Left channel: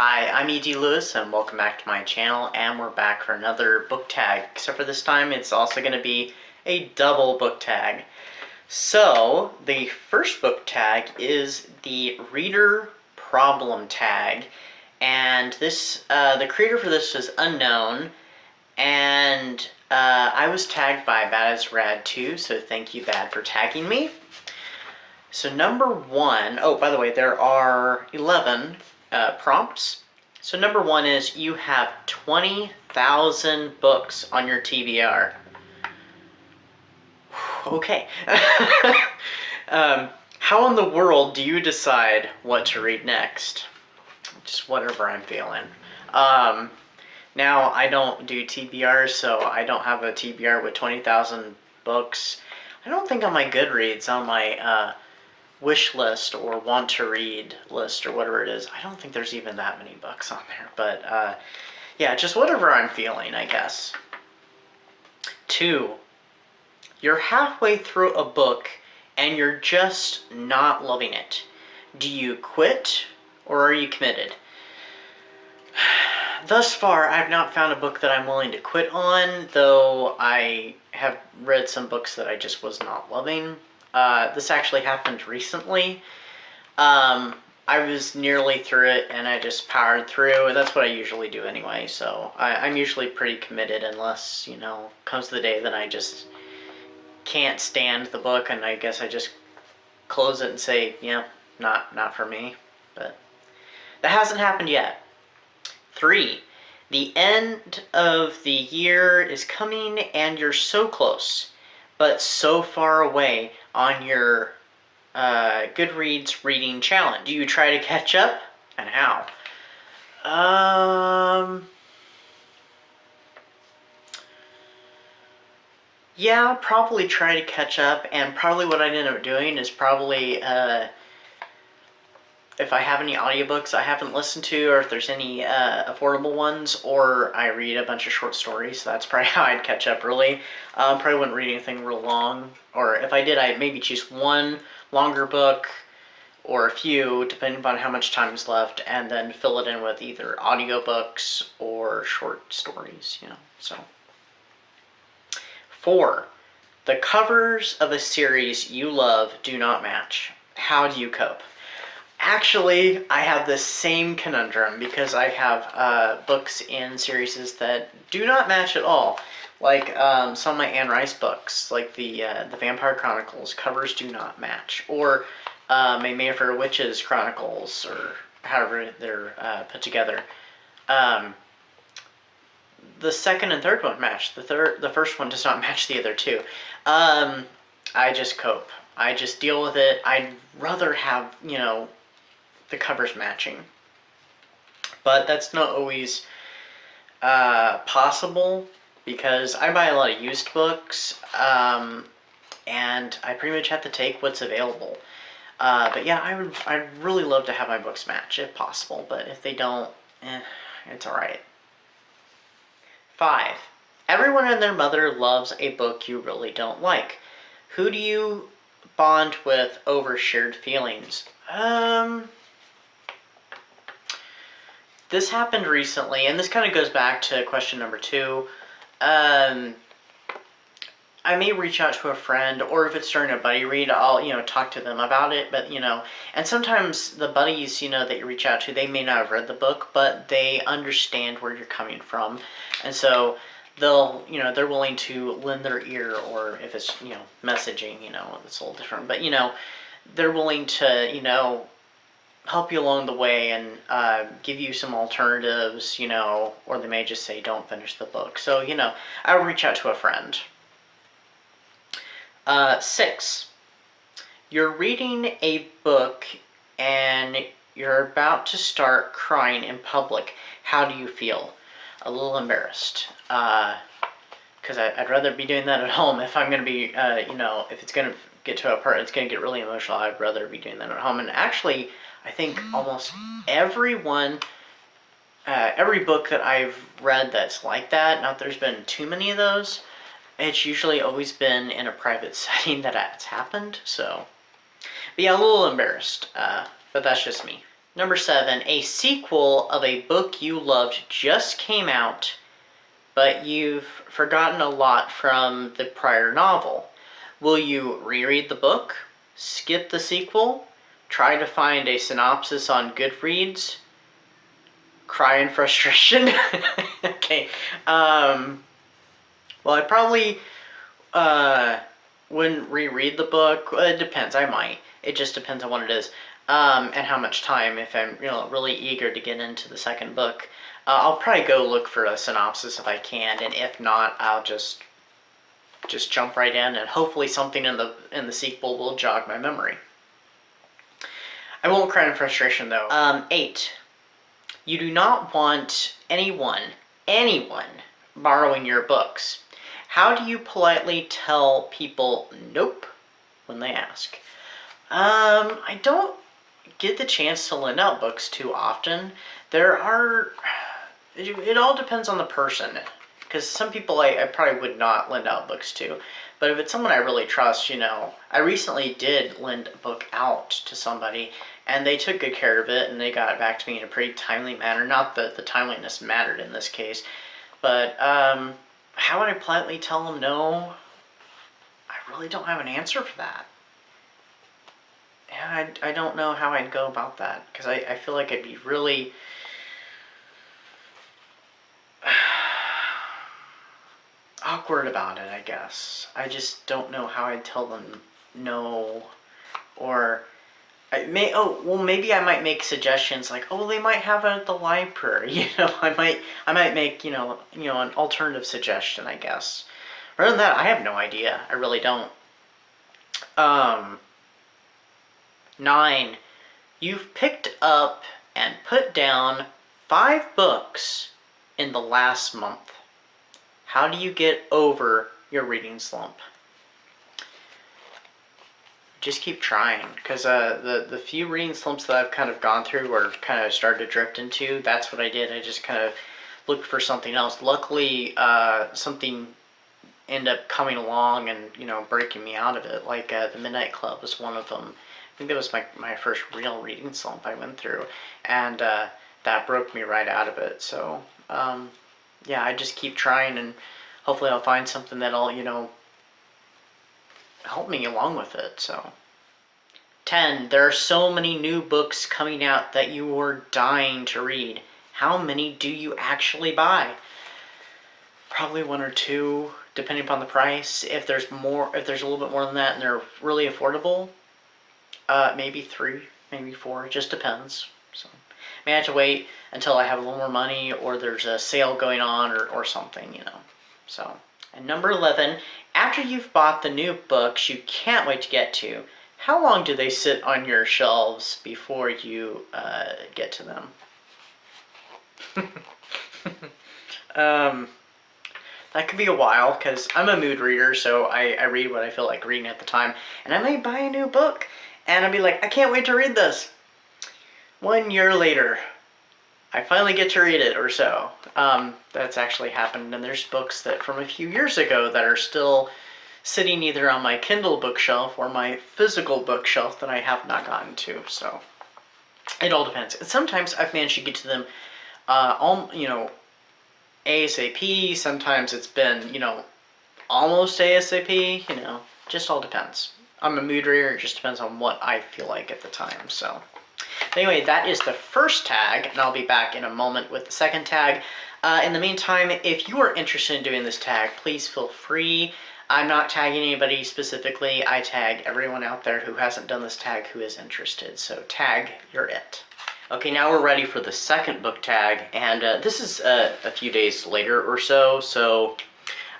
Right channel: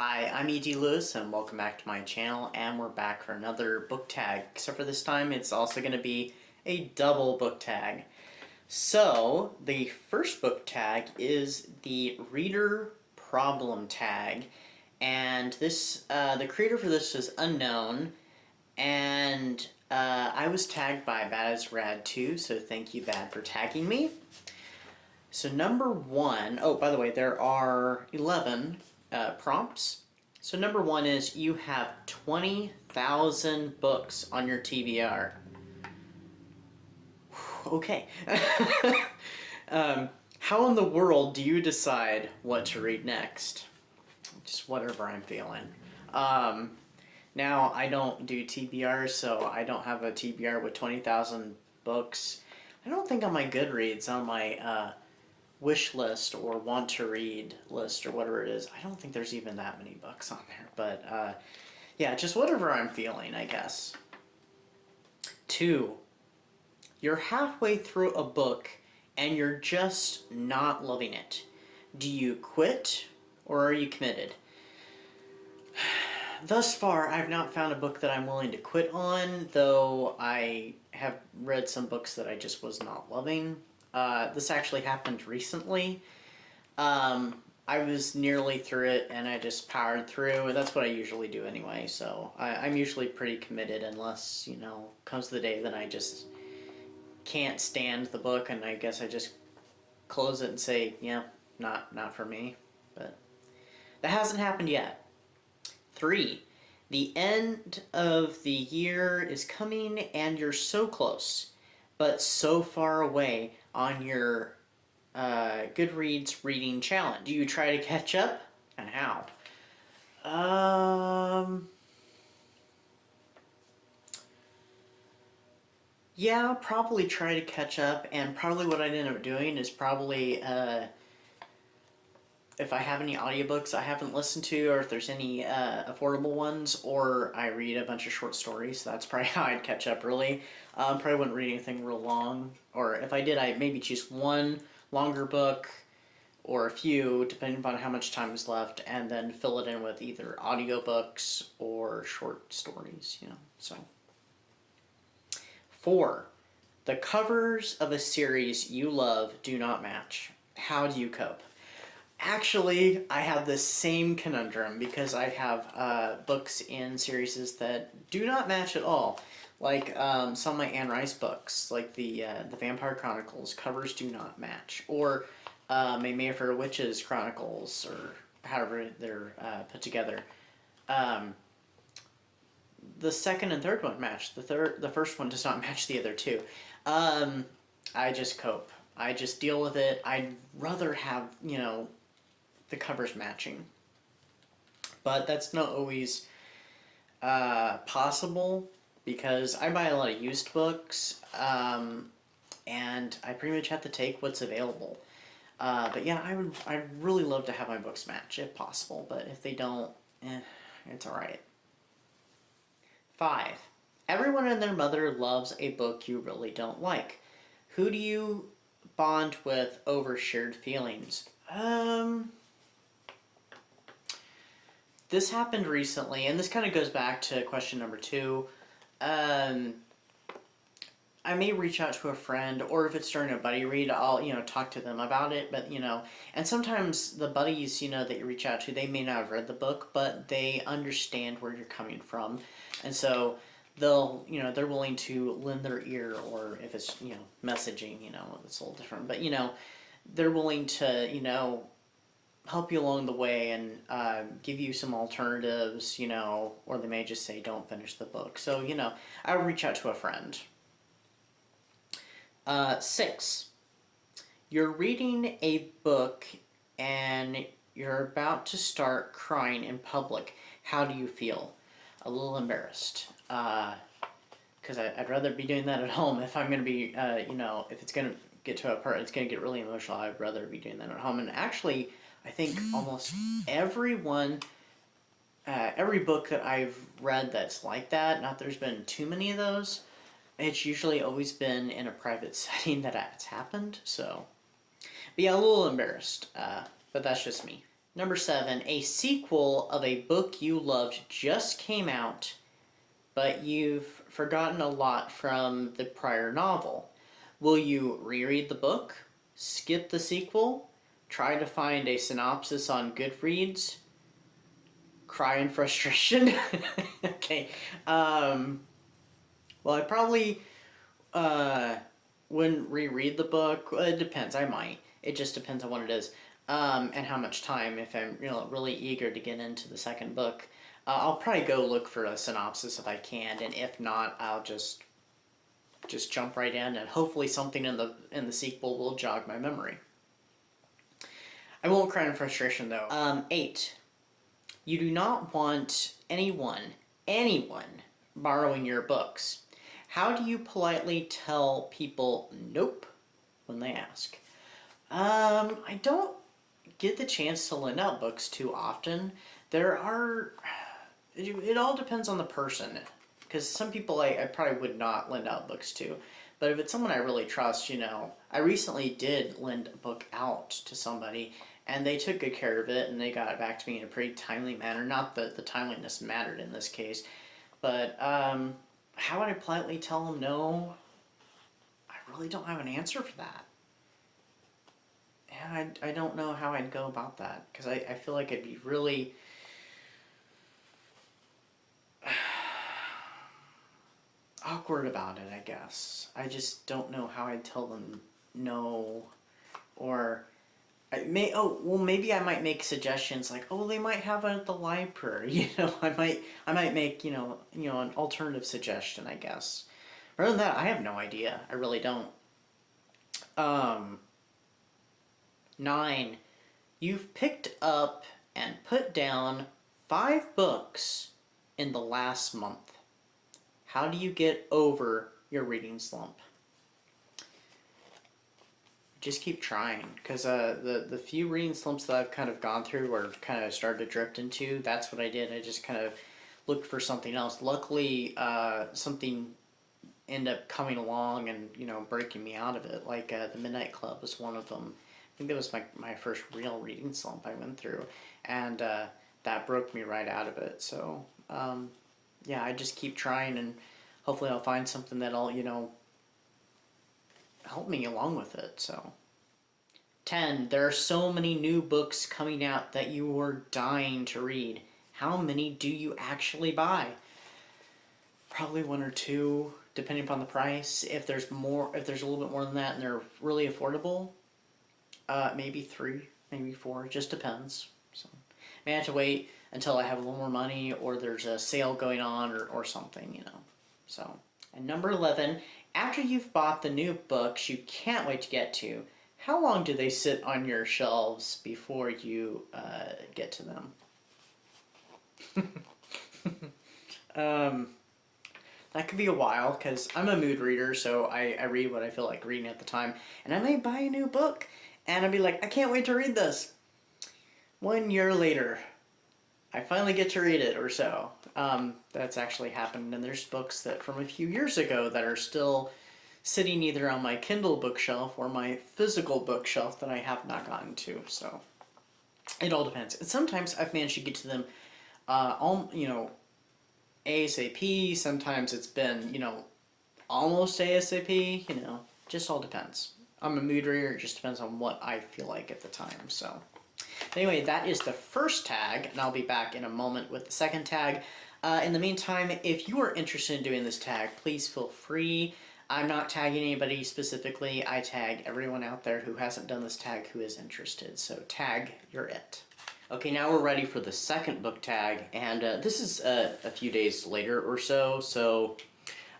Hi, I'm E.D. Lewis and welcome back to my channel, and we're back for another book tag, except for this time it's also going to be a double book tag. So, the first book tag is the reader problem tag, and this the creator for this is unknown, and I was tagged by Bad as Rad 2, so thank you Bad for tagging me. So number one, oh, by the way, there are 11 prompts. So number one is you have 20,000 books on your TBR. Okay. How in the world do you decide what to read next? Just whatever I'm feeling. Now, I don't do TBRs, so I don't have a TBR with 20,000 books. I don't think on my Goodreads, on my wish list or want to read list or whatever it is, I don't think there's even that many books on there. But yeah, just whatever I'm feeling, I guess. 2, you're halfway through a book and you're just not loving it. Do you quit or are you committed? Thus far, I've not found a book that I'm willing to quit on, though I have read some books that I just was not loving. This actually happened recently. I was nearly through it and I just powered through, and that's what I usually do anyway, so I'm usually pretty committed unless, you know, comes the day that I just can't stand the book and I guess I just close it and say, yeah, not for me. But that hasn't happened yet. 3, the end of the year is coming and you're so close, but so far away on your Goodreads reading challenge. Do you try to catch up, and how? Yeah, probably try to catch up, and probably what I'd end up doing is probably if I have any audiobooks I haven't listened to, or if there's any affordable ones, or I read a bunch of short stories. So that's probably how I'd catch up, really. Probably wouldn't read anything real long, or if I did, I'd maybe choose one longer book, or a few, depending upon how much time is left, and then fill it in with either audiobooks or short stories, you know, so. 4, the covers of a series you love do not match. How do you cope? Actually, I have the same conundrum because I have books in series that do not match at all. Like some of my Anne Rice books, like the Vampire Chronicles, covers do not match. Or my Mayfair Witches Chronicles, or however they're put together. The second and third one match. The first one does not match the other two. I just cope. I just deal with it. I'd rather have, you know, the covers matching, but that's not always possible because I buy a lot of used books, and I pretty much have to take what's available. But yeah, I'd really love to have my books match if possible, but if they don't, it's alright. 5, everyone and their mother loves a book you really don't like. Who do you bond with over shared feelings? This happened recently, and this kind of goes back to question number 2. I may reach out to a friend, or if it's during a buddy read, I'll, you know, talk to them about it, but, you know, and sometimes the buddies, you know, that you reach out to, they may not have read the book, but they understand where you're coming from, and so they'll, you know, they're willing to lend their ear, or if it's, you know, messaging, you know, it's a little different, but, you know, they're willing to, you know, help you along the way and give you some alternatives, you know, or they may just say don't finish the book. So, you know, I'll reach out to a friend. 6, you're reading a book and you're about to start crying in public. How do you feel? A little embarrassed. Because I'd rather be doing that at home. If I'm going to be, you know, if it's going to get to a part, it's going to get really emotional, I'd rather be doing that at home. And actually, I think almost every book that I've read that's like that, not that there's been too many of those, it's usually always been in a private setting that it's happened, so. But yeah, a little embarrassed, but that's just me. Number 7, a sequel of a book you loved just came out, but you've forgotten a lot from the prior novel. Will you reread the book, skip the sequel, try to find a synopsis on Goodreads, cry in frustration? Okay. Well, I probably wouldn't reread the book. It depends. I might. It just depends on what it is. And how much time, if I'm really eager to get into the second book. I'll probably go look for a synopsis if I can, and if not, I'll just jump right in, and hopefully something in the sequel will jog my memory. I won't cry in frustration though. 8. You do not want anyone borrowing your books. How do you politely tell people nope when they ask? I don't get the chance to lend out books too often. It all depends on the person, because some people I probably would not lend out books to, but if it's someone I really trust, I recently did lend a book out to somebody, and they took good care of it, and they got it back to me in a pretty timely manner. Not that the timeliness mattered in this case, but how would I politely tell them no? I really don't have an answer for that. Yeah, I don't know how I'd go about that, because I feel like I'd be really awkward about it, I guess. I just don't know how I'd tell them no, or maybe I might make suggestions like, oh, they might have it at the library. I might make an alternative suggestion, I guess. Rather than that, I have no idea. I really don't. 9. You've picked up and put down 5 books in the last month. How do you get over your reading slump? Just keep trying, because the few reading slumps that I've kind of gone through or kind of started to drift into, that's what I did. I just kind of looked for something else. Luckily, something ended up coming along and breaking me out of it. Like the Midnight Club was one of them. I think that was my first real reading slump I went through, and that broke me right out of it. So yeah, I just keep trying, and hopefully I'll find something that'll help me along with it. So 10. There are so many new books coming out that you are dying to read. How many do you actually buy? Probably 1 or 2, depending upon the price. If there's a little bit more than that and they're really affordable, maybe 3, maybe 4. It just depends. So I may have to wait until I have a little more money, or there's a sale going on, or something, So, and number 11, after you've bought the new books you can't wait to get to, how long do they sit on your shelves before you get to them? That could be a while, because I'm a mood reader, so I read what I feel like reading at the time, and I might buy a new book, and I'd be like, I can't wait to read this. 1 year later, I finally get to read it, or so. That's actually happened, and there's books that from a few years ago that are still sitting either on my Kindle bookshelf or my physical bookshelf that I have not gotten to, so it all depends. And sometimes I've managed to get to them ASAP, sometimes it's been, almost ASAP, just all depends. I'm a mood reader, it just depends on what I feel like at the time, so. Anyway, that is the first tag, and I'll be back in a moment with the second tag. In the meantime, if you are interested in doing this tag, please feel free. I'm not tagging anybody specifically. I tag everyone out there who hasn't done this tag who is interested. So tag, you're it. Okay, now we're ready for the second book tag, and this is a few days later or so. So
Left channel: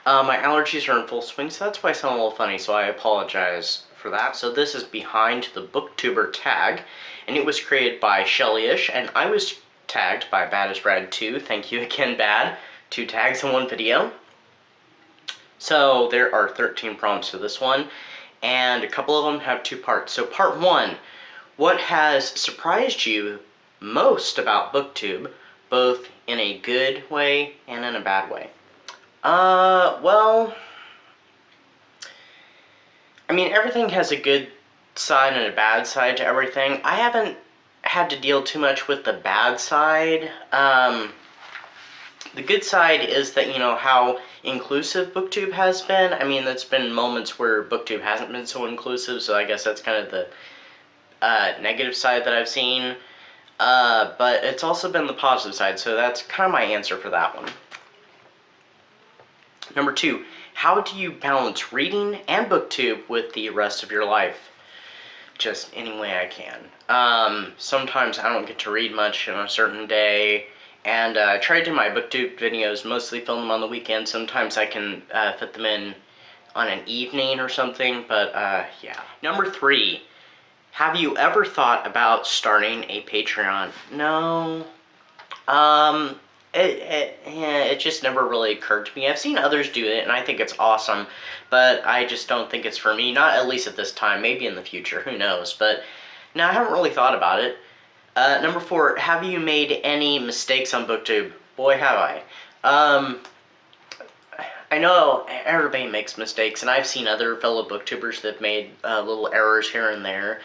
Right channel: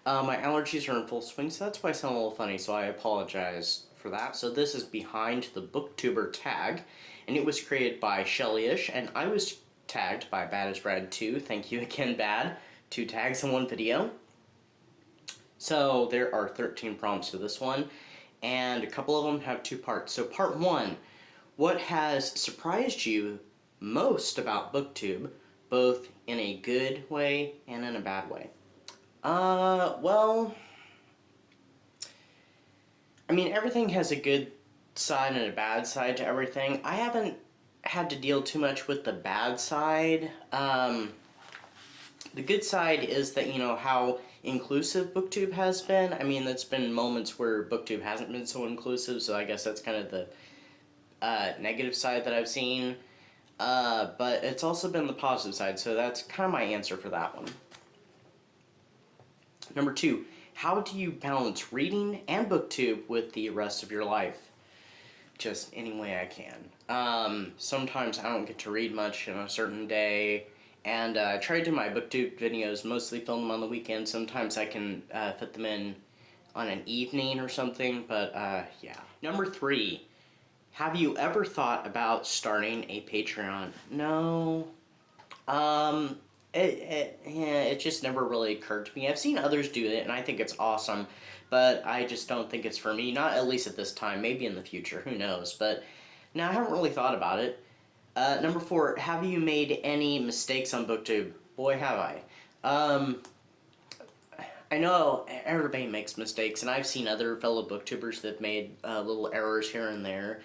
my allergies are in full swing, so that's why I sound a little funny, so I apologize for that. So this is behind the BookTuber tag, and it was created by Shelly-ish, and I was tagged by Bad is Rad 2. Thank you again, Bad. 2 tags in 1 video. So there are 13 prompts to this one, and a couple of them have 2 parts. So part 1, what has surprised you most about BookTube, both in a good way and in a bad way? Well, I mean, everything has a good side and a bad side to everything. I haven't had to deal too much with the bad side. The good side is that, you know, how inclusive BookTube has been. I mean, there's been moments where BookTube hasn't been so inclusive, so I guess that's kind of the negative side that I've seen. But it's also been the positive side, so that's kind of my answer for that one. Number 2, how do you balance reading and BookTube with the rest of your life? Just any way I can. Sometimes I don't get to read much on a certain day, and I try to do my BookTube videos, mostly film them on the weekend. Sometimes I can fit them in on an evening or something, but yeah. Number 3, have you ever thought about starting a Patreon? No. It just never really occurred to me. I've seen others do it, and I think it's awesome, but I just don't think it's for me. Not at least at this time. Maybe in the future. Who knows? But no, I haven't really thought about it. Number 4, have you made any mistakes on BookTube? Boy, have I. I know everybody makes mistakes, and I've seen other fellow booktubers that have made little errors here and there.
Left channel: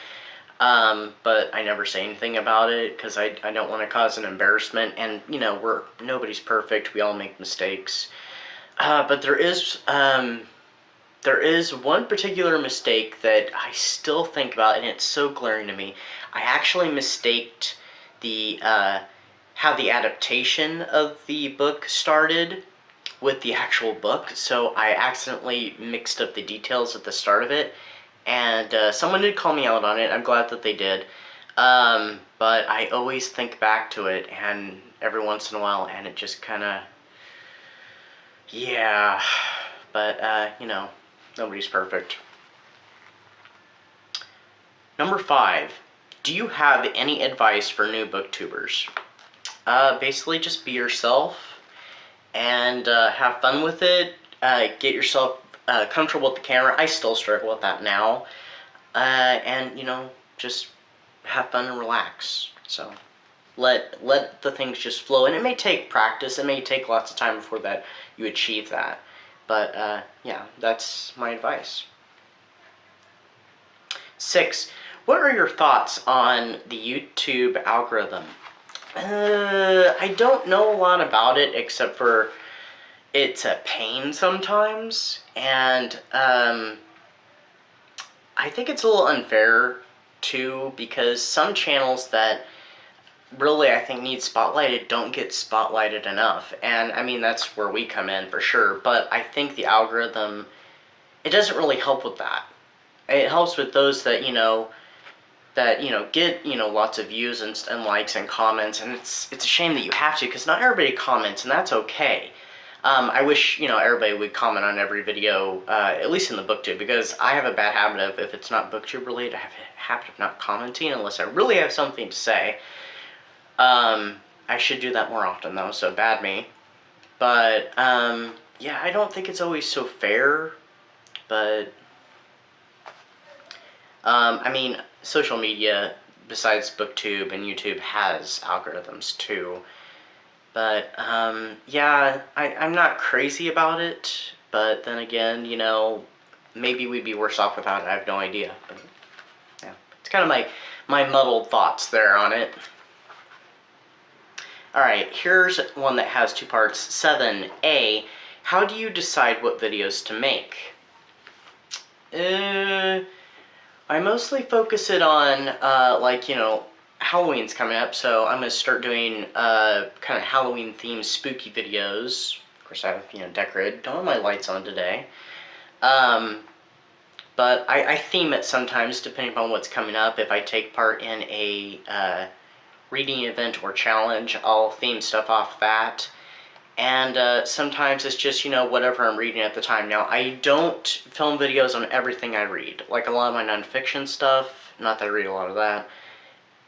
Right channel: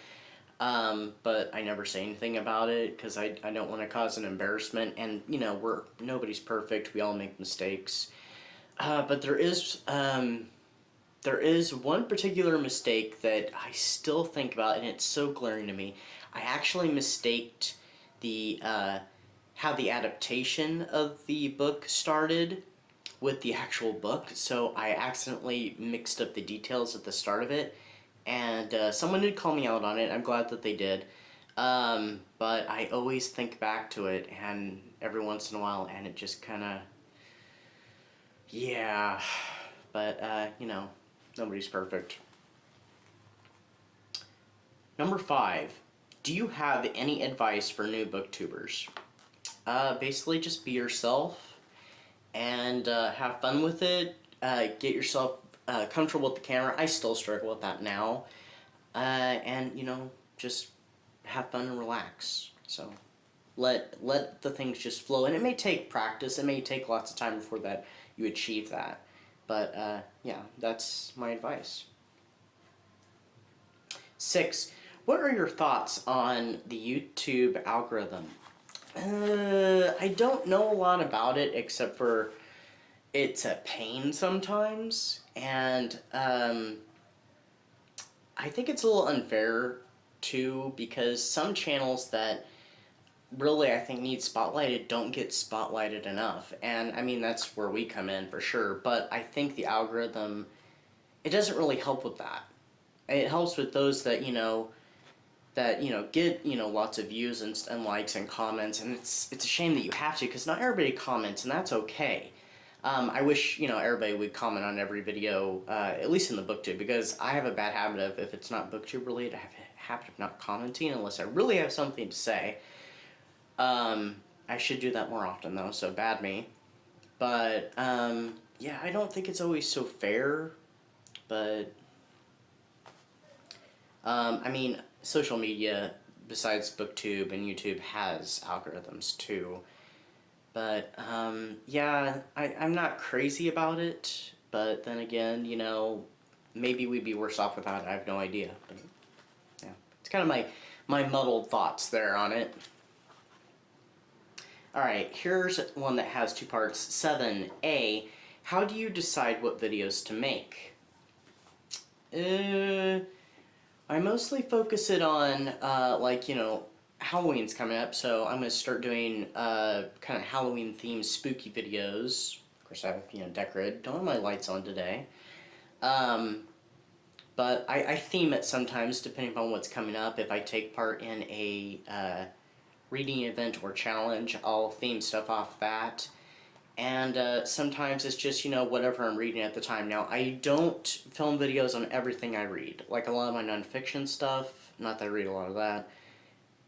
But I never say anything about it because I don't want to cause an embarrassment, and you know, nobody's perfect. We all make mistakes. But there is one particular mistake that I still think about, and it's so glaring to me. I actually mistaked the how the adaptation of the book started with the actual book, so I accidentally mixed up the details at the start of it. And someone did call me out on it. I'm glad that they did. But I always think back to it, and every once in a while, and it just kind of, yeah. But, you know, nobody's perfect. Number 5, do you have any advice for new booktubers? Basically, just be yourself, and have fun with it. Get yourself comfortable with the camera. I still struggle with that now. And, you know, just have fun and relax. So, let the things just flow. And it may take practice. It may take lots of time before that you achieve that. But, yeah, that's my advice. 6, what are your thoughts on the YouTube algorithm? I don't know a lot about it, except for it's a pain sometimes, and I think it's a little unfair too, because some channels that really I think need spotlighted don't get spotlighted enough, and I mean, that's where we come in for sure. But I think the algorithm, it doesn't really help with that. It helps with those that get lots of views and likes and comments, and it's a shame that you have to, because not everybody comments, and that's okay. I wish, everybody would comment on every video, at least in the BookTube, because I have a bad habit of, if it's not BookTube related, I have a habit of not commenting unless I really have something to say. I should do that more often, though, so bad me. But, yeah, I don't think it's always so fair, but, I mean, social media, besides BookTube and YouTube, has algorithms, too. But, yeah, I'm not crazy about it, but then again, maybe we'd be worse off without it. I have no idea. But, yeah, it's kind of my muddled thoughts there on it. Alright, here's one that has 2 parts. 7A, how do you decide what videos to make? I mostly focus it on, Halloween's coming up, so I'm going to start doing kind of Halloween-themed spooky videos. Of course, I have, decorated. Don't have my lights on today. But I theme it sometimes, depending on what's coming up. If I take part in a reading event or challenge, I'll theme stuff off that. And sometimes it's just, whatever I'm reading at the time. Now, I don't film videos on everything I read. Like a lot of my nonfiction stuff, not that I read a lot of that.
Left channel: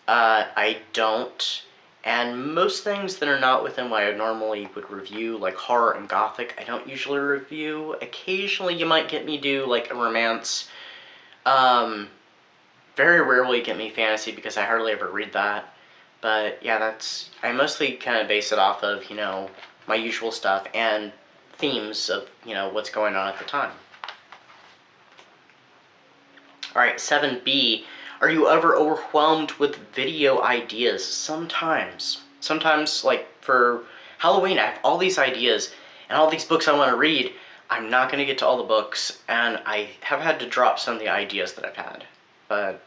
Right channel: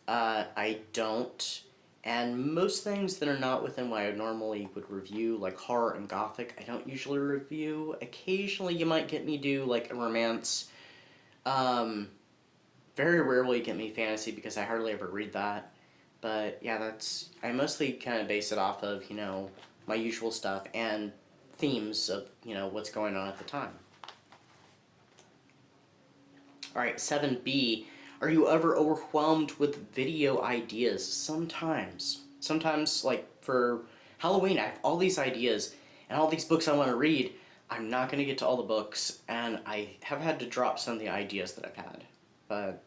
I don't. And most things that are not within what I normally would review, like horror and gothic, I don't usually review. Occasionally you might get me do, like, a romance. Very rarely get me fantasy, because I hardly ever read that. But, yeah, I mostly kind of base it off of, my usual stuff and themes of, what's going on at the time. Alright, 7B. Are you ever overwhelmed with video ideas? Sometimes. Sometimes, like, for Halloween, I have all these ideas and all these books I want to read. I'm not going to get to all the books, and I have had to drop some of the ideas that I've had. But,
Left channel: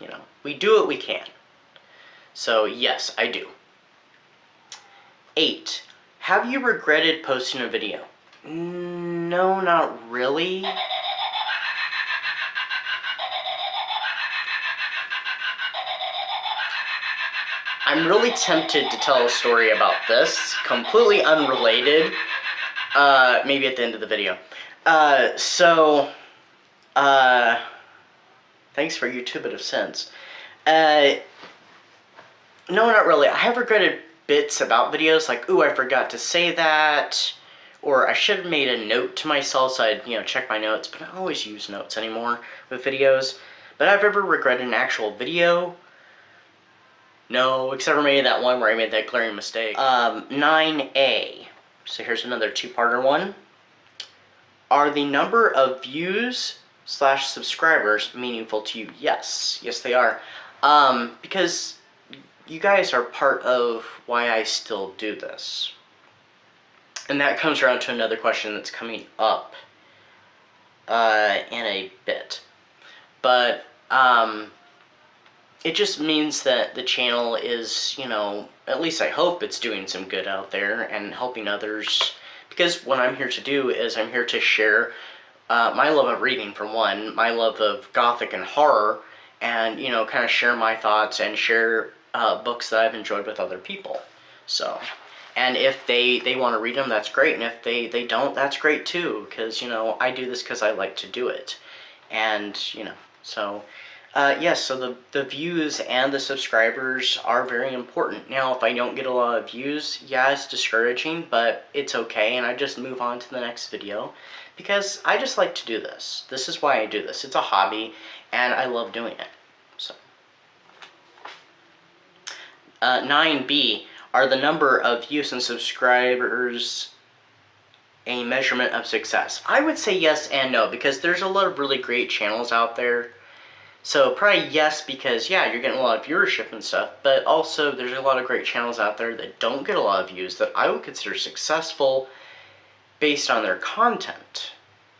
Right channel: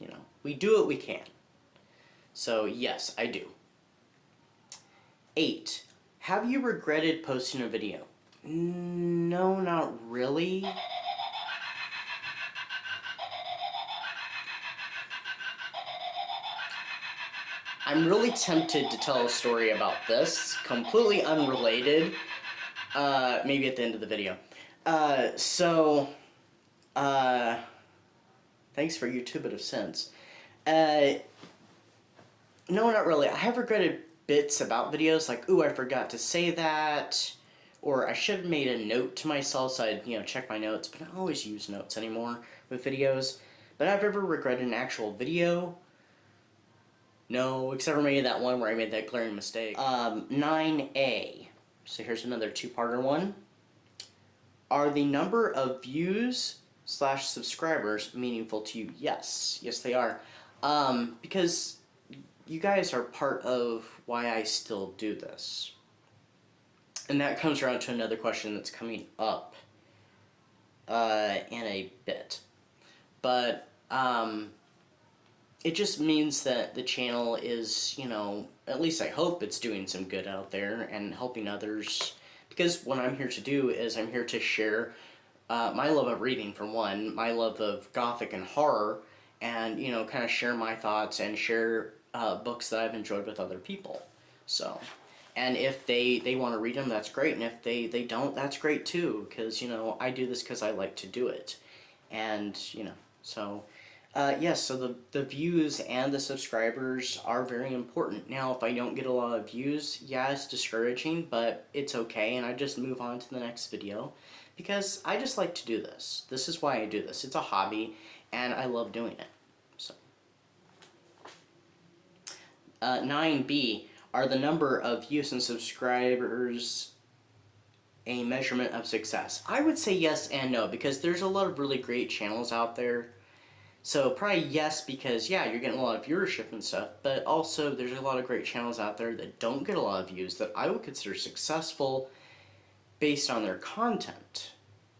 you know, we do what we can. So, yes, I do. 8. Have you regretted posting a video? No, not really. I'm really tempted to tell a story about this, completely unrelated, maybe at the end of the video. Thanks for your 2 bit of sense. No, not really. I have regretted bits about videos, like, ooh, I forgot to say that, or I should have made a note to myself so I'd, check my notes, but I don't always use notes anymore with videos. But I've ever regretted an actual video? No, except for maybe that one where I made that glaring mistake. 9A. So here's another 2-parter one. Are the number of views / subscribers meaningful to you? Yes. Yes, they are. Because you guys are part of why I still do this. And that comes around to another question that's coming up in a bit. But, it just means that the channel is, at least I hope it's doing some good out there and helping others. Because what I'm here to do is I'm here to share my love of reading, for one, my love of Gothic and horror, and, kind of share my thoughts and share books that I've enjoyed with other people. So, and if they want to read them, that's great. And if they don't, that's great too. Because, I do this because I like to do it. And, so... yes, so the views and the subscribers are very important. Now, if I don't get a lot of views, yeah, it's discouraging, but it's okay, and I just move on to the next video, because I just like to do this. This is why I do this. It's a hobby, and I love doing it. So, 9B, are the number of views and subscribers a measurement of success? I would say yes and no, because there's a lot of really great channels out there. So probably yes, because yeah, you're getting a lot of viewership and stuff, but also there's a lot of great channels out there that don't get a lot of views that I would consider successful based on their content,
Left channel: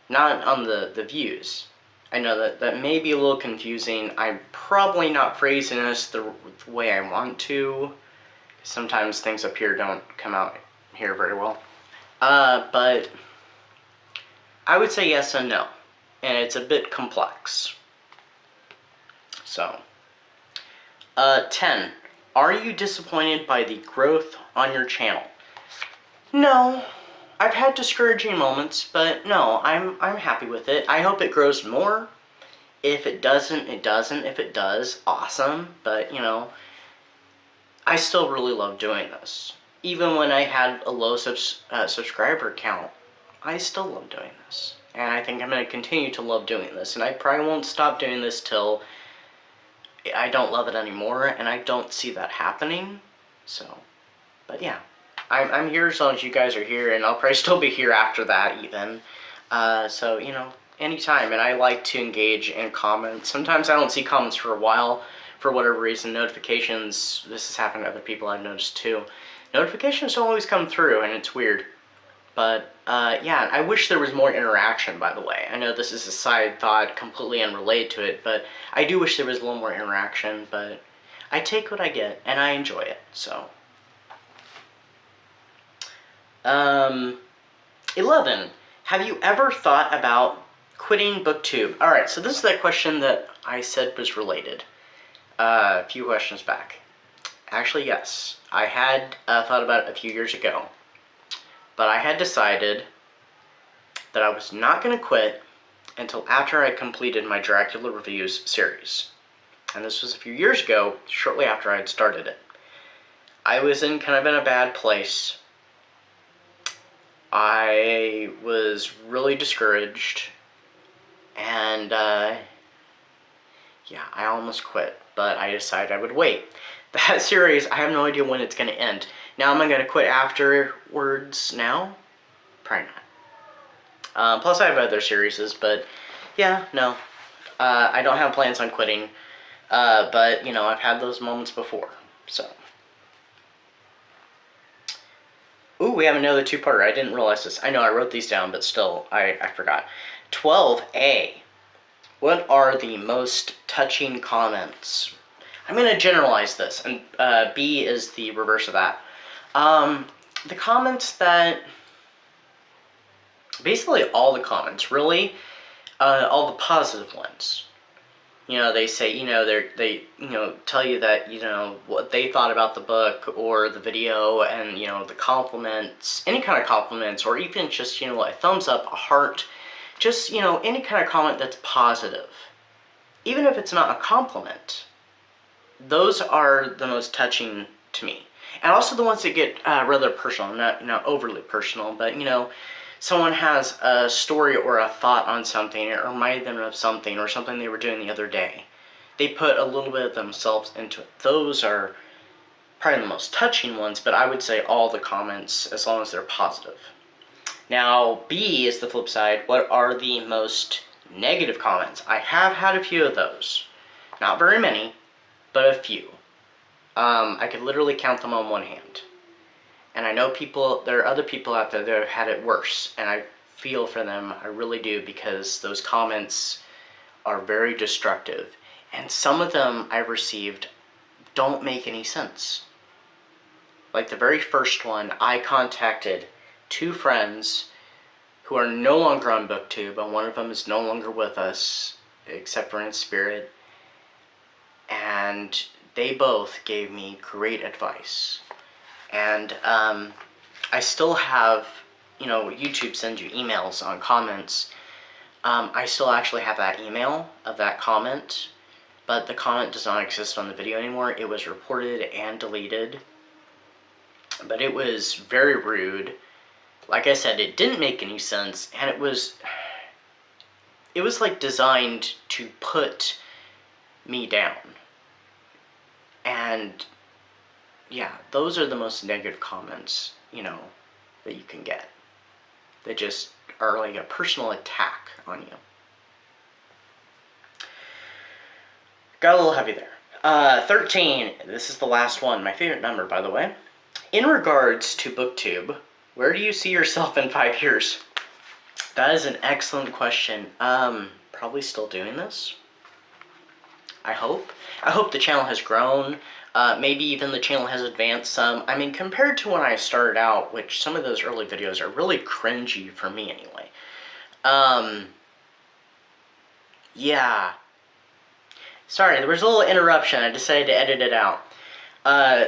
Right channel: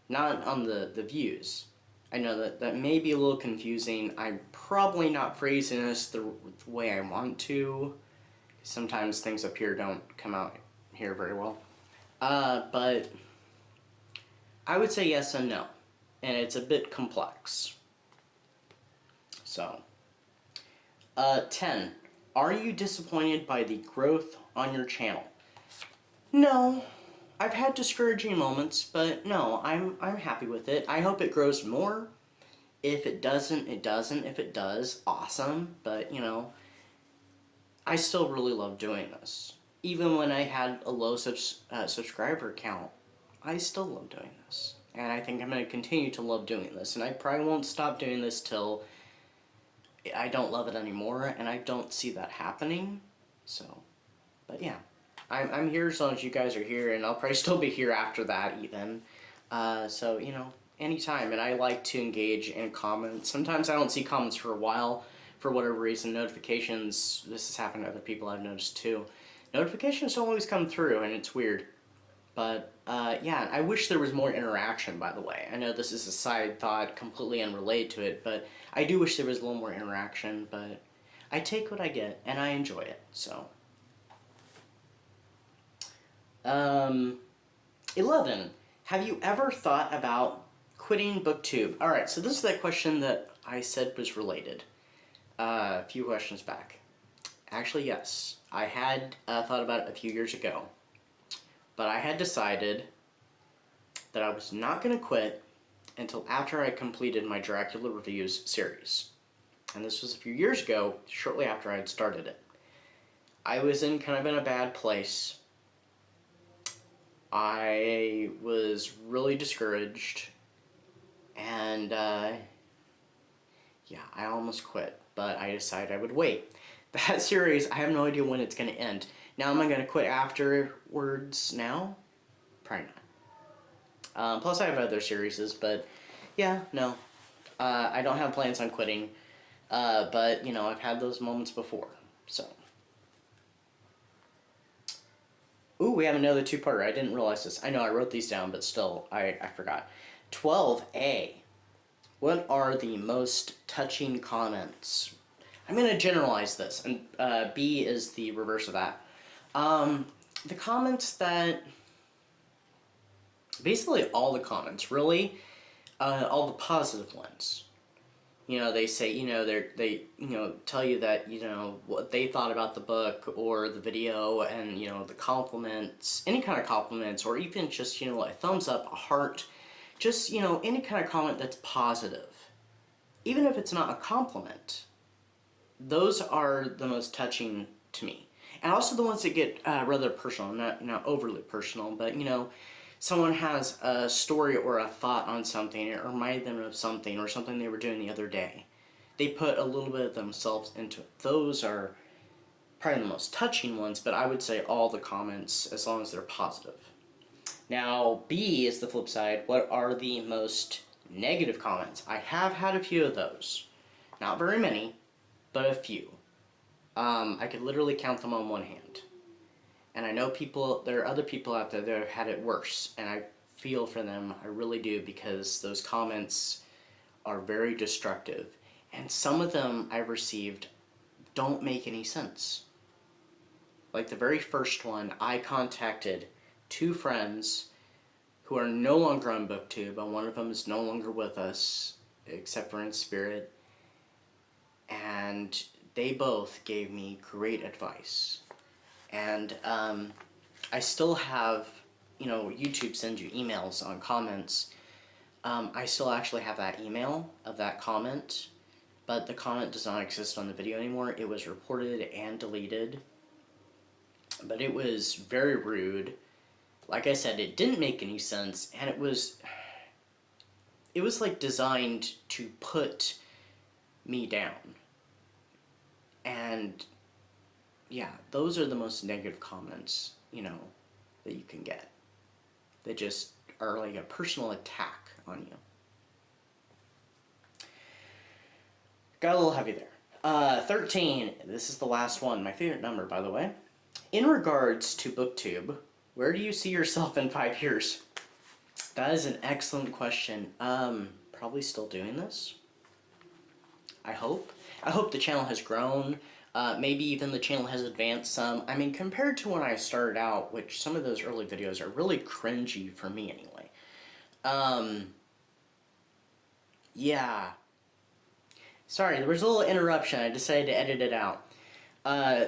not on the views. I know that may be a little confusing. I'm probably not phrasing this the way I want to. Sometimes things up here don't come out here very well. But I would say yes and no, and it's a bit complex. So, 10. Are you disappointed by the growth on your channel? No. I've had discouraging moments, but no, I'm happy with it. I hope it grows more. If it doesn't, it doesn't. If it does, awesome. But, I still really love doing this. Even when I had a low subscriber count, I still love doing this. And I think I'm going to continue to love doing this. And I probably won't stop doing this till I don't love it anymore, and I don't see that happening. So, but yeah, I'm here as long as you guys are here, and I'll probably still be here after that even. So, anytime, and I like to engage in comments. Sometimes I don't see comments for a while, for whatever reason. Notifications, this has happened to other people I've noticed too. Notifications don't always come through, and it's weird. But, yeah, I wish there was more interaction, by the way. I know this is a side thought, completely unrelated to it, but I do wish there was a little more interaction, but I take what I get, and I enjoy it, so. 11. Have you ever thought about quitting BookTube? Alright, so this is that question that I said was related a few questions back. Actually, yes. I had thought about it a few years ago. But I had decided that I was not going to quit until after I completed my Dracula Reviews series. And this was a few years ago, shortly after I had started it. I was in a bad place. I was really discouraged. And, yeah, I almost quit. But I decided I would wait. That series, I have no idea when it's going to end. Now, am I going to quit afterwards now? Probably not. Plus, I have other series, but yeah, no. I don't have plans on quitting. But, you know, I've had those moments before, so. Ooh, we have another two-parter. I didn't realize this. I know I wrote these down, but still, I forgot. 12A. What are the most touching comments? I'm going to generalize this, and B is the reverse of that. The comments that... Basically all the comments, really. All the positive ones. You know, they say, you know, they tell you that, you know, what they thought about the book or the video, and, you know, the compliments, any kind of compliments, or even just, you know, a thumbs up, a heart, just, you know, any kind of comment that's positive. Even if it's not a compliment, those are the most touching to me. And also the ones that get rather personal, not overly personal, but, you know, someone has a story or a thought on something, or reminded them of something, or something they were doing the other day. They put a little bit of themselves into it. Those are probably the most touching ones, but I would say all the comments, as long as they're positive. Now, B is the flip side. What are the most negative comments? I have had a few of those. Not very many, but a few. I could literally count them on one hand. And I know there are other people out there that have had it worse, and I feel for them, I really do, because those comments are very destructive. And some of them I've received don't make any sense. Like the very first one, I contacted two friends who are no longer on BookTube, and one of them is no longer with us, except for in spirit. And they both gave me great advice. And I still have, you know, YouTube sends you emails on comments. I still actually have that email of that comment, but the comment does not exist on the video anymore. It was reported and deleted, but it was very rude. Like I said, it didn't make any sense, and it was like designed to put me down. And yeah, those are the most negative comments, you know, that you can get. They just are like a personal attack on you. Got a little heavy there. 13, this is the last one, my favorite number, by the way. In regards to BookTube, where do you see yourself in 5 years? That is an excellent question. Probably still doing this. I hope. I hope the channel has grown. Maybe even the channel has advanced some. I mean, compared to when I started out, which some of those early videos are really cringy for me anyway. Yeah. Sorry, there was a little interruption. I decided to edit it out.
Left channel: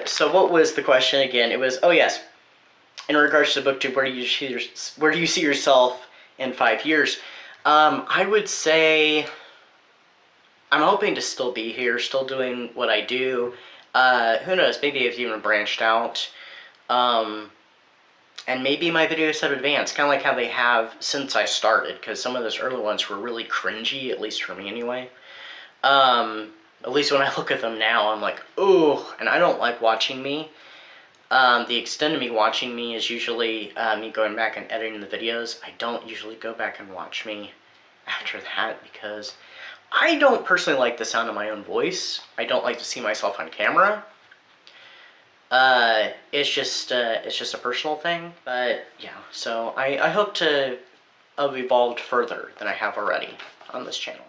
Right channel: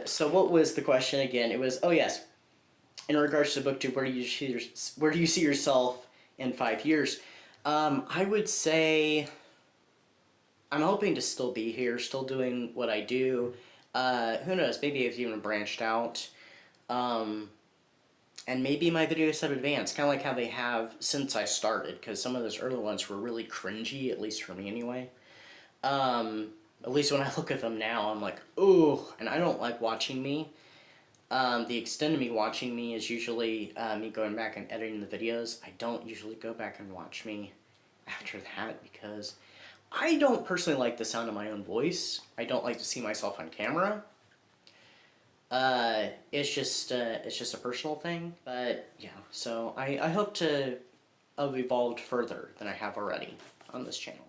So what was the question again? It was, oh yes, in regards to BookTube, where do you see yourself in 5 years? I would say I'm hoping to still be here, still doing what I do. Who knows, maybe I've even branched out. And maybe my videos have advanced, kind of like how they have since I started, because some of those early ones were really cringy, at least for me anyway. At least when I look at them now, I'm like, ooh, and I don't like watching me. The extent of me watching me is usually me going back and editing the videos. I don't usually go back and watch me after that, because I don't personally like the sound of my own voice. I don't like to see myself on camera. It's just a personal thing, but yeah, so I hope to have evolved further than I have already on this channel.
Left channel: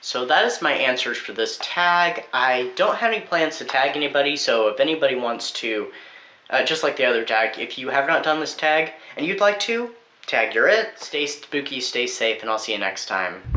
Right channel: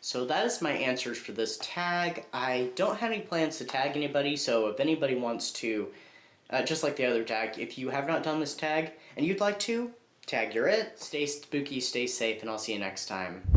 So that is my answers for this tag. I don't have any plans to tag anybody, so if anybody wants to, just like the other tag, if you have not done this tag and you'd like to, tag your it. Stay spooky, stay safe, and I'll see you next time.